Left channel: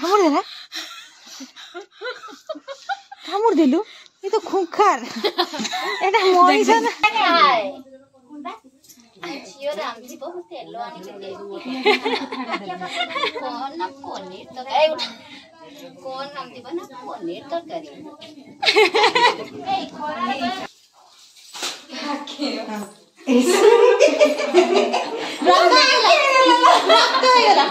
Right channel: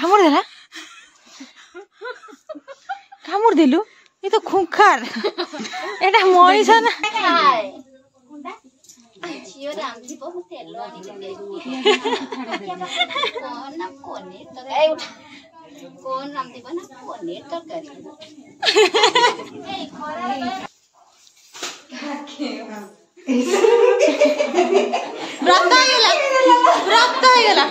कामुड़ देला कामुड़ देलु ये तो खुंखार एटा मनीष ना झियो रामजी बहुत तेल आनी के दे कौन ना पनीर तो ए उठा कौन रामजी बना पनीर तो करी रक्त गला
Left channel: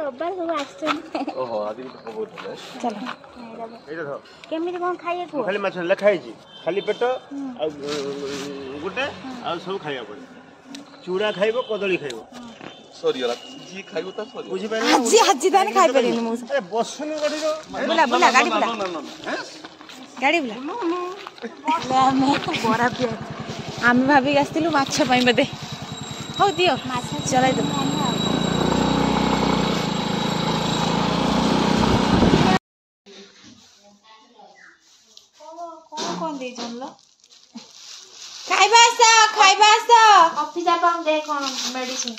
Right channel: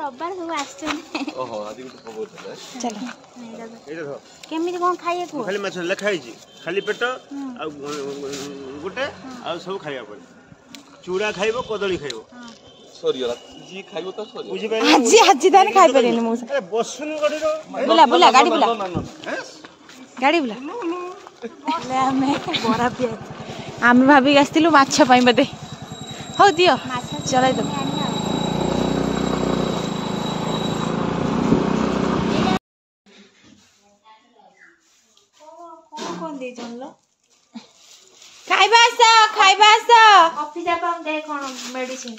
रब्बार सब आछन ओहो आदि तो बहुत है चलो एटा धर केमिति कोन खाइए को खाली माछ ले खाइ छी खाली पेट आ गुटे आ सब खाइया पड़े चूड़ा खाइबो कदली खाइबो सॉरी यार जी खाइबो त सॉरी बुझि पाइ आज दान खाइ परेनी मु ए बसुनु गाडी रो बुला बुला गाडी बुला गाडी बुला ले हमें बरा पिए हम भाभी आस्तिलु माछ पाइ बदे हो दियो माछ चलाई दो कौन दे जानलो खाइबा कॉफी जा हम दे कोन मेडिसिन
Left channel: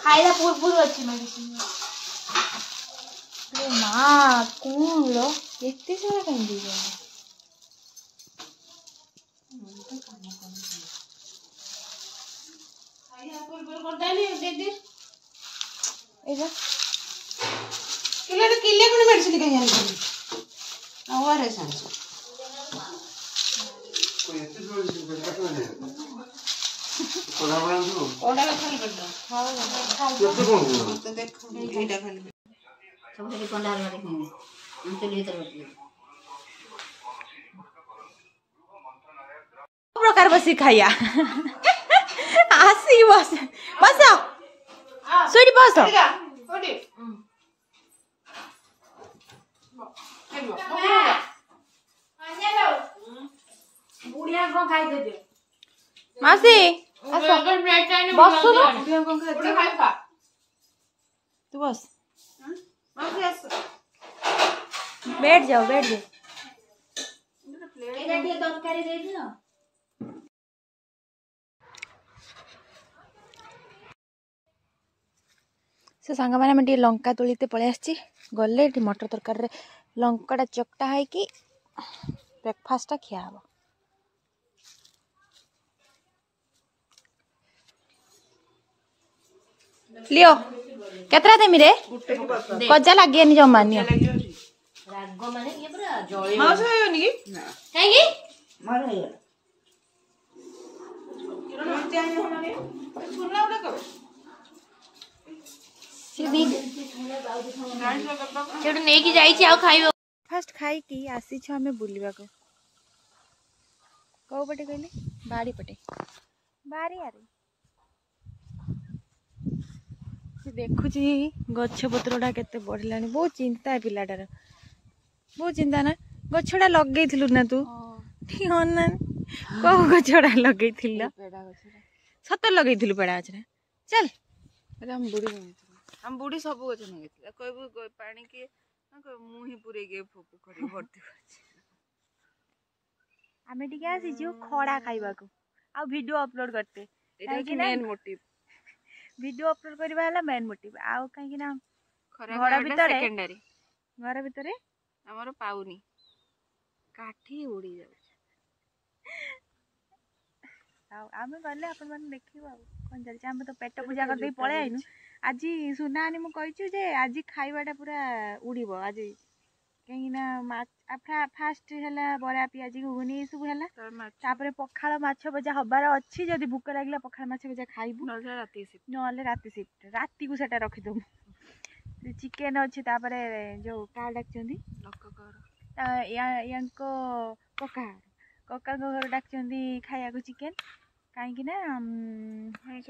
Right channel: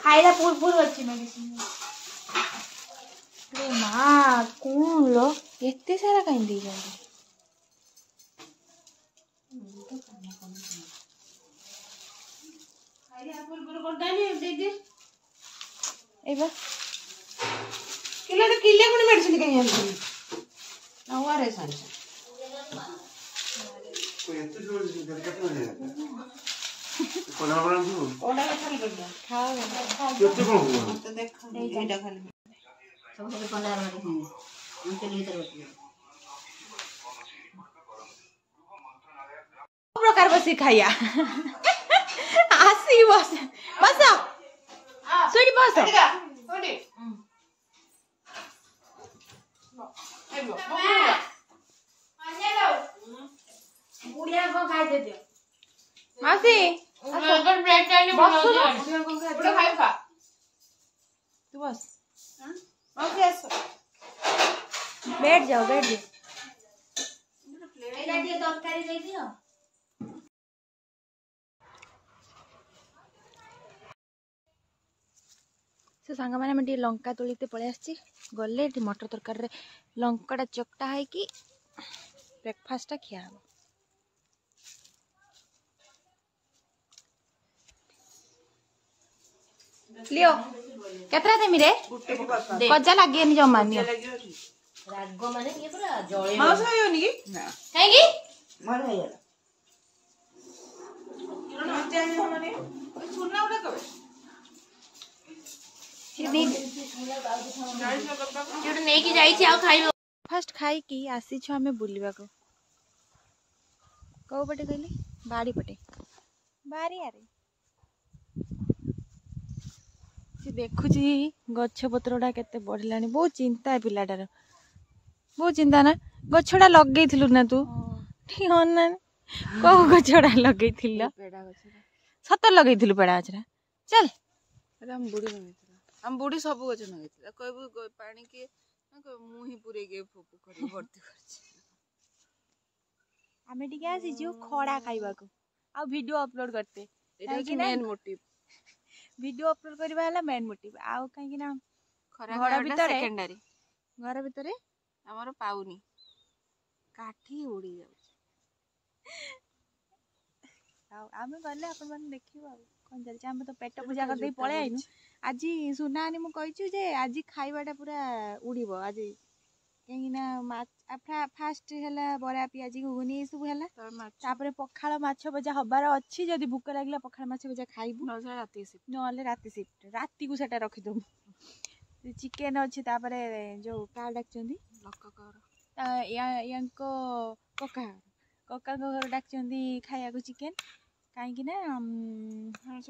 खाइला पूर अछि मेडिसिन रे मां कोन लो एते सारा काई दे जानलो खाइया पूर कोन डाली दे दे एबा किले कोन मेडिसिन काई आनी और है सांस कोई इतने जोर से करता है कोना बना दो ओडा खाली कर दो खाओ कितने को तो देख एटा खाली सब से कोंडा मारे हम तो लिए तर प्रकार बसी खाया आसी बस बस सोडी बस सोडी बुढ़िया को खाई दे दे मासी अगर ब्रेड चाहिए बस तो बुढ़िया को खाई दे खाई खा तू बस मासी आस बैठ जाओ एटा के तरकारी दे दियो से सांग माने हम लंका तोलीते पळे आछि गले मटर तरकारी रे लंकाटा चकटा है कि ब्रेकफास्ट खिया हम लियो केतरा देमी रे कजा लागे नि जमा नि राग माने ये पूरा जळे मास होयोनी कि ना काहेकी मार होय किरण हत्यानी हमने छोना उडा कबे फास्ट खाई कि आसी आमे बुलवा को कौ पटे कहले बाड़ी पटे बारी आरे से देखुची गछ पत्रटा केते बढ़लानी बहुत चिंता है पिलाटार बहुत चिंता ना गछड़ा लगेइथिलु ना तू हां ना को गछड़ा लगेइथिल पेड़ा गछड़ा सत लगेइथिलु पेड़ा गछड़ा चल अरे हम बुढ़ी सब गछ नगेइथिल कहबो पानी के मुही पुरे के पोखरी भर्ती करछि आमे टिके आसी जो खड़ा खाइबा को आ वीडियो अपलोड करते एटा कि मेन मोटिव वीडियो अपलोड करबा हला मेन मोटिव आ काहे कि ना घर भीतर हमर पाउनी काठी उड़ी जाउ आम गले आपण देखिए कौन चलছে आम तो पेट पूजा करदे पळे आइनु आज सुनानी मु कहिछु जे आज खाइबाटा पूरा उड़ीबो आज कहीं ना फास्ट है बरा पियाजी घुगुनी सब है तापर पखाड़ माछ भजा हबार अच्छी जदि भूक लगे पखाड़ माछ भजा खाइबू ना राति शिफ्ट राति को सेटा रखिदबू चिकेन अच्छी तापर जो का डाकचंदी यांको कका कका घर डाकचंदी खाया को चिकेन कहीं ना आमे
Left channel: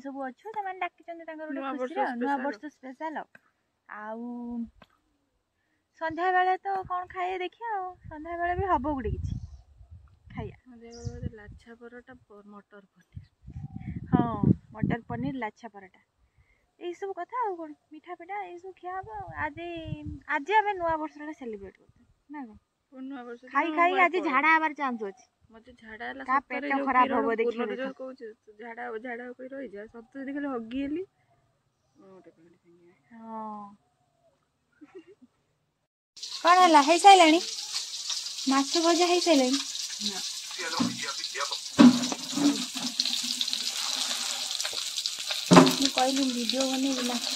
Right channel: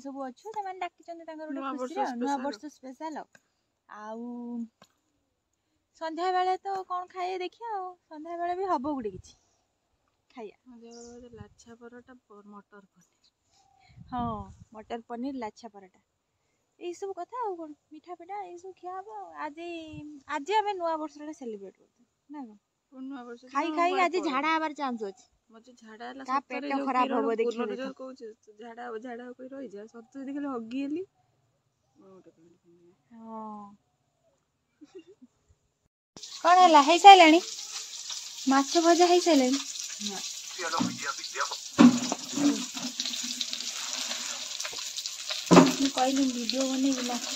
सब अच्छु से डाकी नुआ वर्ष स्पेशल आउ संध्या बेले तो कौन खाइए देखिए संध्या बेले भी हम गोटे कि खाइया लाछा परोटा मटर पनीर हाँ मटर पनीर लाछा परोटा यही सब कथा कौन मिठा पिठा यही सब खिया हम आज आज आम नुआ वर्ष सेलिब्रेट करते ना खाई खाई आज झाड़ा हबार चांस अच्छे मत झाड़ा पेट खराब हम देखिए झाड़ा झाड़ा रही जाए सत देखिए हगिली हाँ कौन है है सारे माछ भजा है सारे कहली वीडियो बने माछ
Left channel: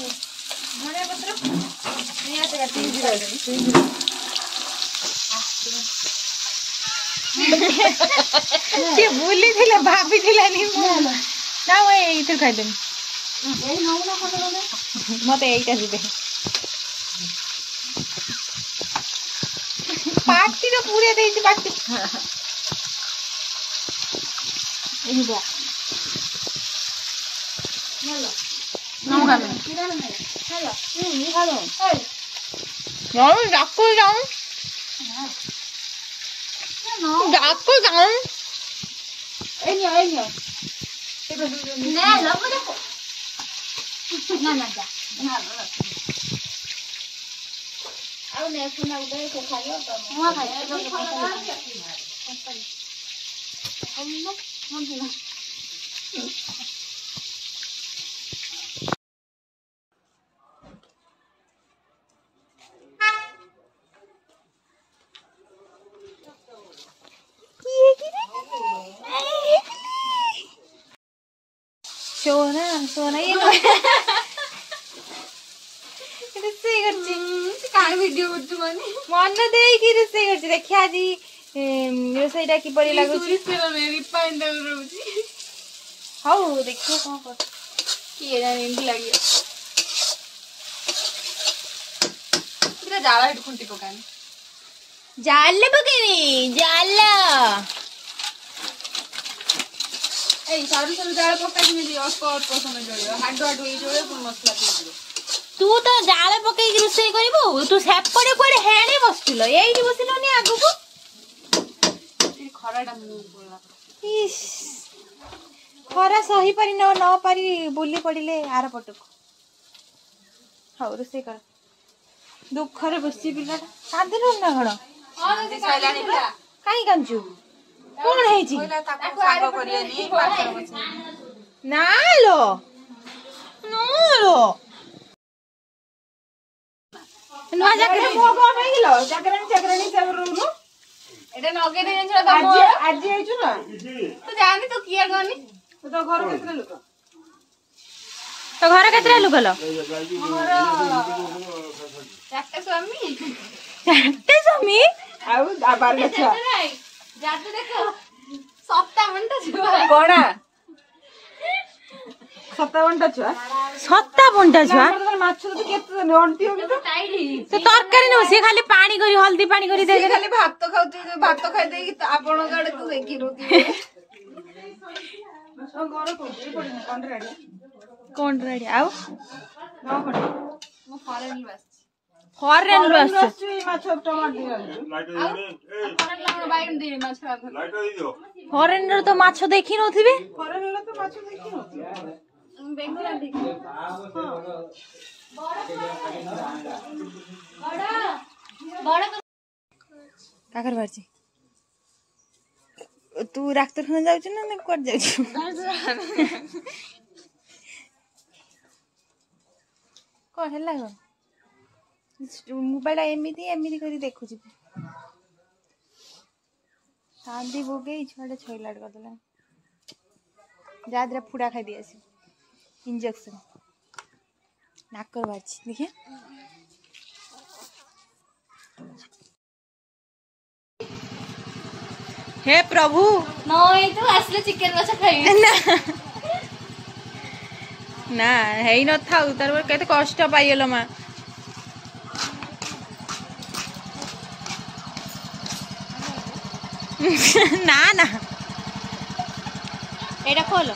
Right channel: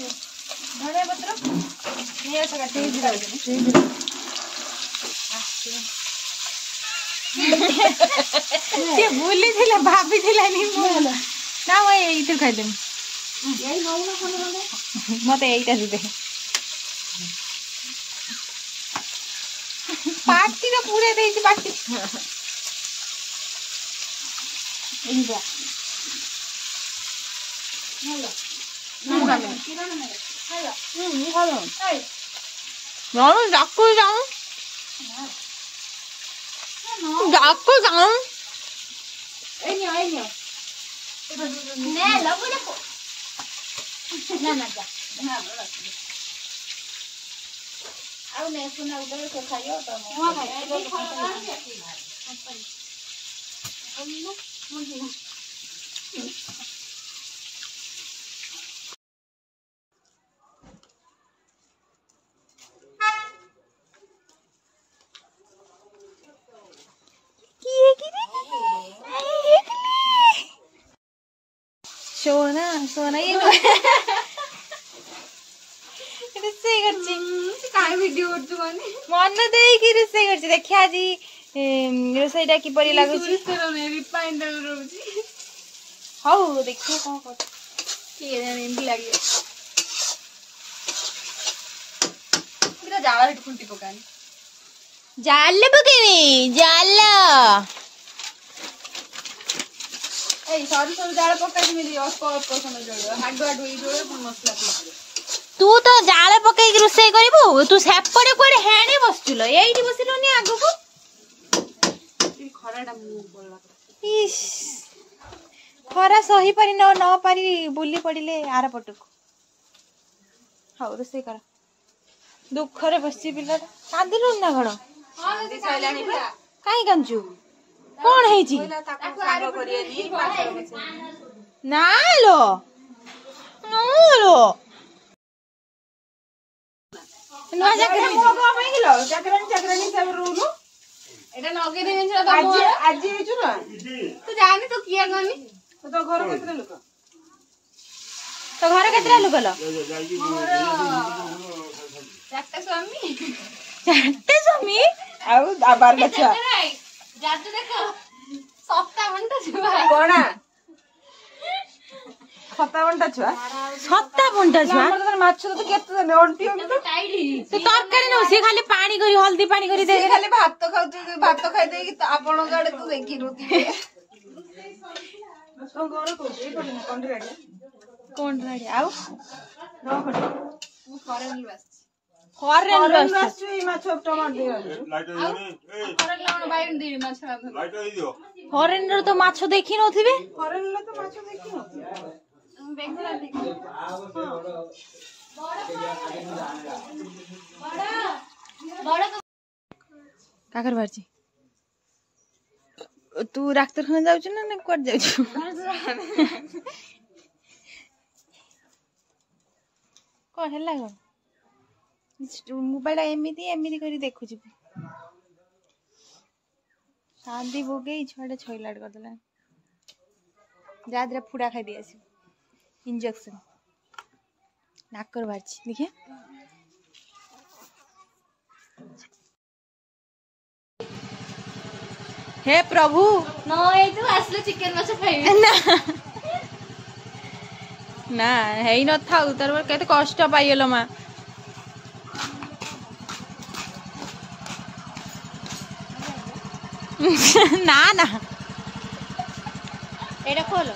सी बुली भाभी ना ये खाईदेमी मत यही पार्टी तो पूरे दे पार्टी हेलो सोना सोना ये रोसई कर वीडियो मन देकी रोसई कर देखिए आज रोसईटा किपरि लागुची हाउ देखिए कौन कर किए जाने एमती लगे पूरा जाला हेट खुंटी पकानी जाले पकेनी जाला ए सारू सारू जाला पकाई मिली अल्प अल्प समय जोड़ियो हाडो हाडो ए जोड़ियो कोन मसला पकाइयो तू तो जाला पकाई रोसई करबो तू सेपड़े कोडे हेणे बसतिलो एइठी बसिलोनी आगु को खराटा मु बोलला इस खरा सही पारी न पारी बुली पड़िले आर पटक हाउ रोसई कर दुख रे बसी पिलाटा कांदिनु ना घण काई कांचू कौन है जी ना लो नुआ जाकरानी को को माइलो जाकरानी सब रोनु एटा नगे दे जंछ त मोर आज हेचु ना तो जानी तो किया गनी तो घर केतरा लोक तो घर केतरा लोक लो मोर चारटे स्वामी आउ आबार लछा जादू देखो सप्ता मंटा छुआ कोना सप्ता मंटा छुआ माछ तो केते ने ओंटी तो तरकारी न से खाली पानी करी हल्दी पानी करी दे खाली भात खाउ भात खाइ दे कि आपण गाडे तो देखि रोती घर कोन रेडी आउ मु फॉरेन बस फॉरेन बस ई माछ टमाटर लाइट ए फॉरेन लाउन बाइन दे माछ लाइट दे दियो फॉरेन रो तो माछ देखि नथिबे फॉरेन लो तो माछ देखि नथिबे बेंगोला ठीक बड़ा काकर बारची तू डाक्टर खाना जाउछ ना कोड जाउछ कोन हला गो मोबाइल एमिति एमिति करी देखु छी शांति भोगे छड़े छइलाड कर देला जा दे फुड़ा खाई दिए इंजेक्शन नाकर बाहर देखिए हे प्रभु नय तो आसले चिकन माछ खाई ना ना है न था तार केते कष्ट पाइलो माँ ना ना एटा खोलो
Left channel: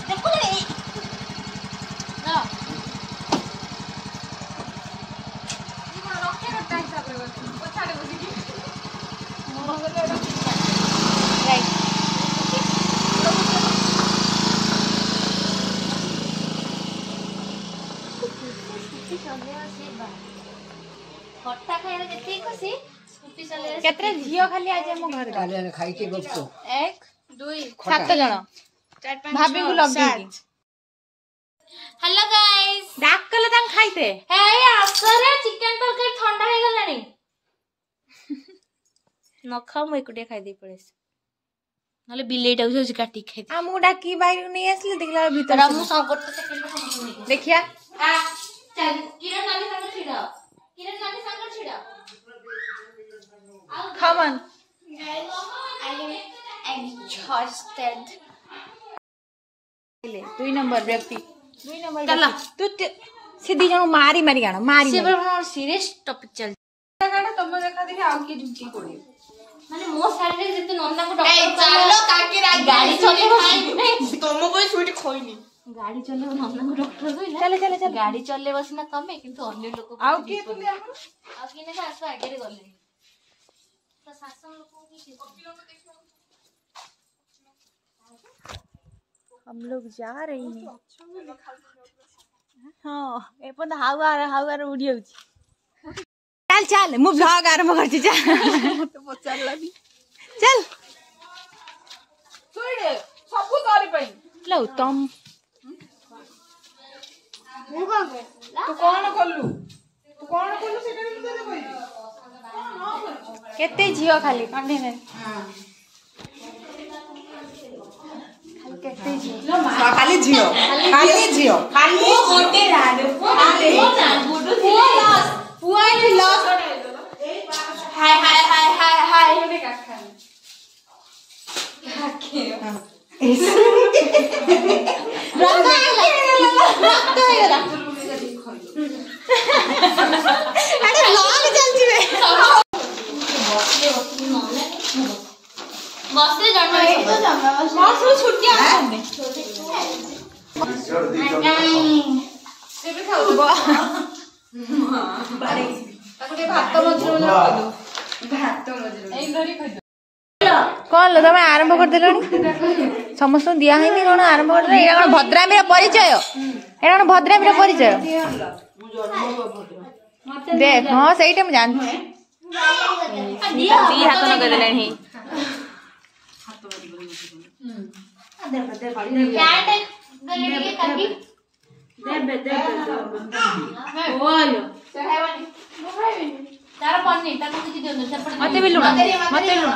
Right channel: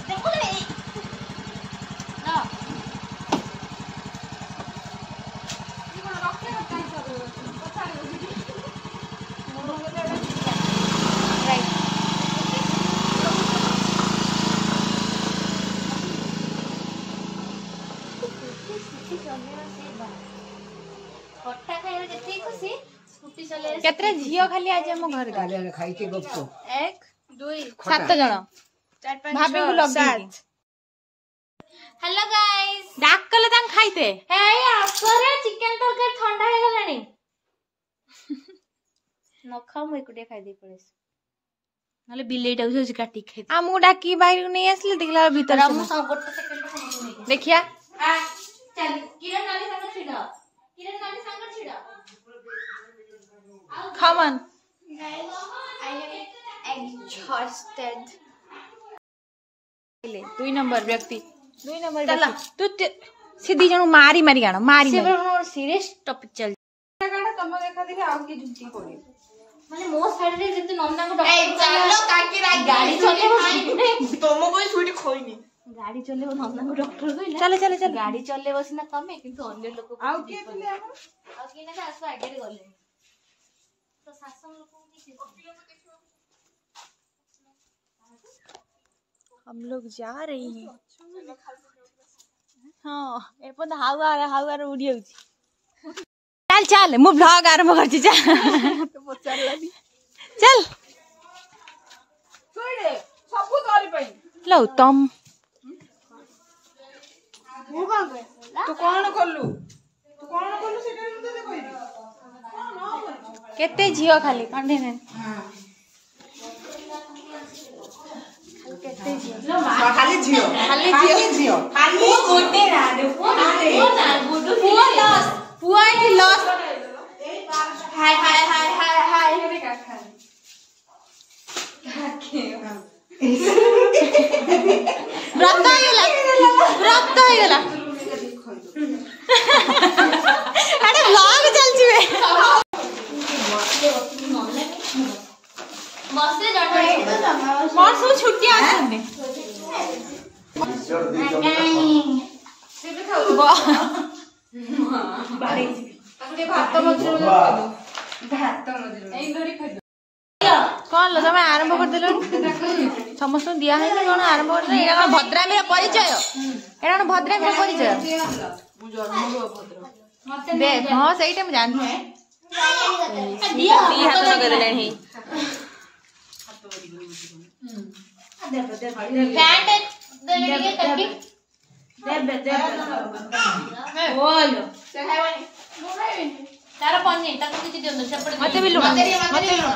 खट्टा खाइले जति खुशी स्कूटी चले केतरे झियो खाली आज हम घर काले खाई के गप्पो 1 2 7 जण 4 5 भाभी को लगी हेलो गाइस डाक कले तां खाइते हे आसरे चिकन तरकारी ठंडा हे गलानी न खा म एकुटे खाइ दे पड़ेस नले बिलेटा उसे काटी खाइ दे हमू डाकी बाहर नहीं आसले देखला भीतर हम सब गोटे सेकंड देखिया आ चल किरण नानी संग छिड़ा किरण नानी संग छिड़ा खमन I am exhausted. ले 2 नंबर व्यक्ति 2 नंबर चला। व्यक्ति तू से दी जण मारी मारी गाणो मारी सिबर मोर सीरियस टॉपिक चल गाणो तम देखा देखि आउ के झुकी पड़ी माने मो साइड रे जते नंदा को डॉक्टर चलो काकी गाड़ी चले तुम कोई छुटी खोइनी गाड़ी चले नंदा को डॉक्टर कइला चले चले चले गाड़ी चले बसिना तमे किंतु अन्य लोक आउ के तुले हमर आ किने जे आसो आगे रे गले तो शासन लोक हम लोग जा रहे हैं हाँ एपन हाउआर उड़ी होची चल चल मु ब्लॉग आरंभ करछि चल तो चल चल छोड़े सब करी पई लो तुम तू कौन करलु सेटा भी तोरे कहबी केते झियो खाली कंडे ने केते झियो खाली झियो खाली झियो खाली मोटे राडे पुआ लॉस पुआ की लॉस हाय हाय हाय हाय हाय रक्त होइगला अरे व्लॉग चलछि बे बसे जण बस वो छुट्टी आछने कौन लो तुम आरंभ कर दिल समस्त दिया है कौन आरंभ कर दिल कौन भद्रामी परिचय एटा कौन भद्रामी परिचय देख हाँ सही मुझे जानती दी हाथ लगे देले पैंट दले के काकी तार पन्नी ताको किछि दियो सेपटे मते भी लुणा मते लुणा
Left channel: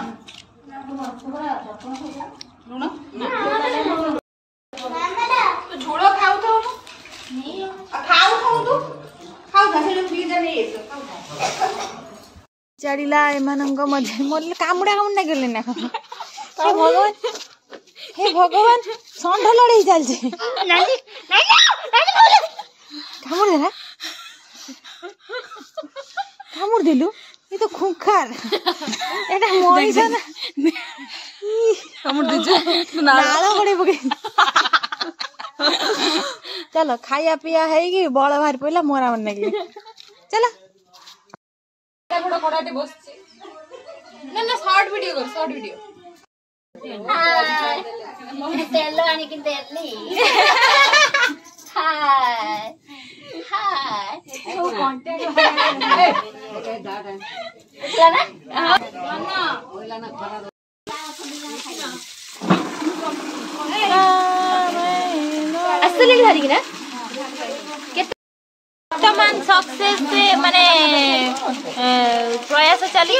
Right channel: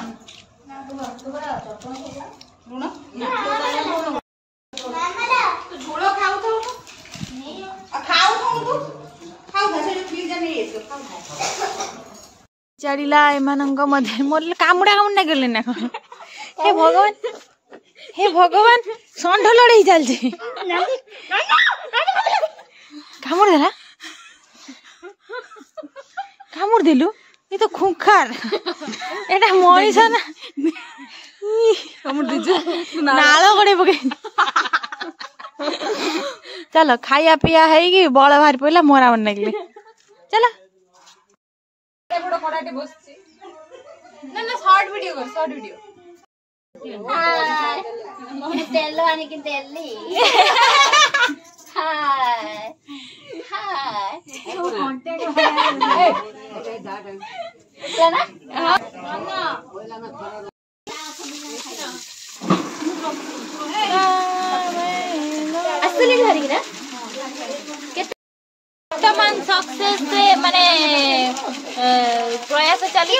झोल खाऊ तो खाऊ तू से फ्रीज में ये चढ़िला एमानंग मध्य मोर कामुड़ा कामुड़ा गेले ना हे भगवान षंढ लड़ाई चलছে कामुड़ देला कामुड़ देलु ये तो खुंखार एटा मनीष ना कामुड़ दीजु नाଳ गड़े पके चलो खाया पिया है कि बळ बाहर पइला मोरा मन लागले चलो बड़ खड़ाटे बसछि ना ना शॉर्ट वीडियो कर शॉर्ट वीडियो तेल आनी कि तेली हाय हाय कंटेंट असली घरी ना वर्तमान सक्सेस से माने प्रयास चली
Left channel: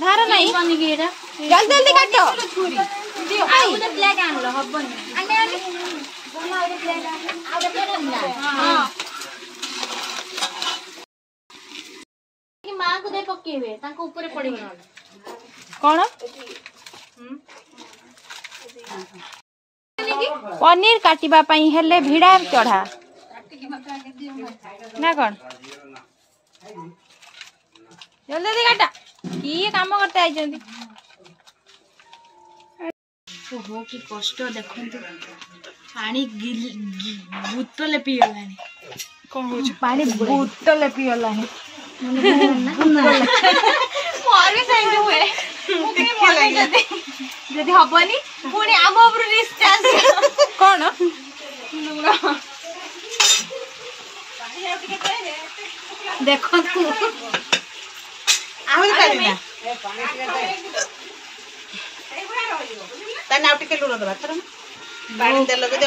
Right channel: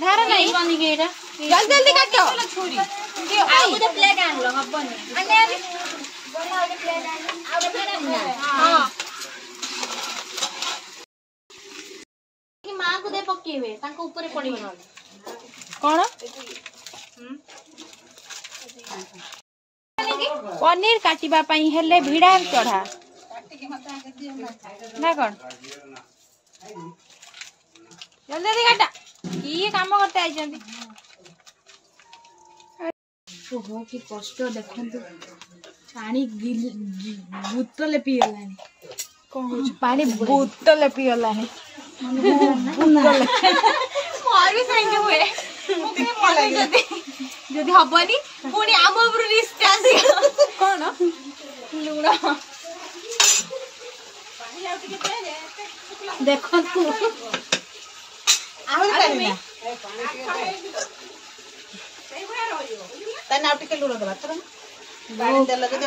धार नहीं जल्दी जल्दी काटो ଆଉ ଗୋଟେ ପ୍ଲେଟ୍ ଆଣିଲ ହବନି ଆନେ ଆନେ ଗଲା ଗୋଟେ ପ୍ଲେଟ୍ ଆଣିଲ ଆଉ ଗୋଟେ ପ୍ଲେଟ୍ ଆଣିଲା ହଁ କି ମାଙ୍କୁ ଦେ ପକେଇବେ ତାଙ୍କ ଉପରେ ପଡିବ ନହେଲେ କଣ पनीर काटिबा पई हेले भिड़ा चढ़ा ना कौन जल्दी जल्दी काटा की काम करते आई ओहो कि कष्ट देखंतु पानी बोतल पियलानी कौन पानी बोतल पियलानी मोर भी सेंड हुए मुके मन जदी हबनी पुणी आम ऊपर रिस्क आसी कौन लुण देखंतु आहुरी काढिना ताने आउ टिके लुण दबा तर पानी दे लगे दे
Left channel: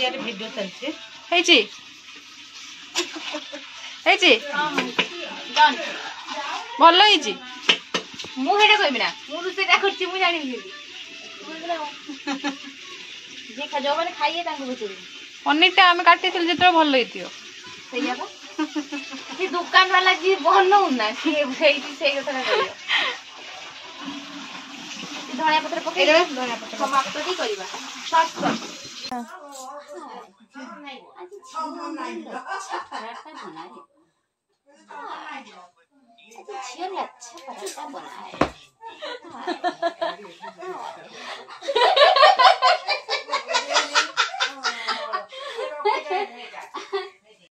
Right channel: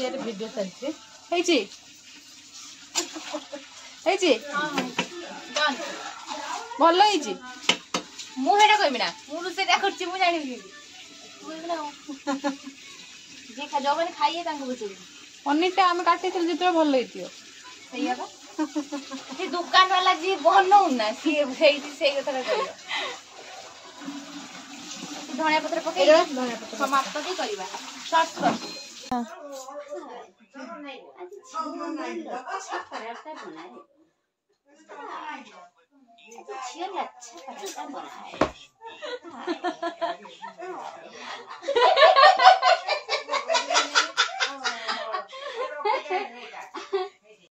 ये वीडियो चलছে हेची हेची डन भलो हेची मु हेडा कहबी ना मु सेटा करछि मु जानि जे खा जो माने खाइए तांको बुझे पनीर टा हम काटी थिल जितरो भलो हेतियो सैया बा ये दुकान वाला जी भलो ना कि भेइती सेई कथा कहियो धनिया पत्र पके दे धनिया पत्र समाप्त दी करबा शॉर्ट आज अच्छा पराठा बनाए छियल अच्छा पराठा बनाए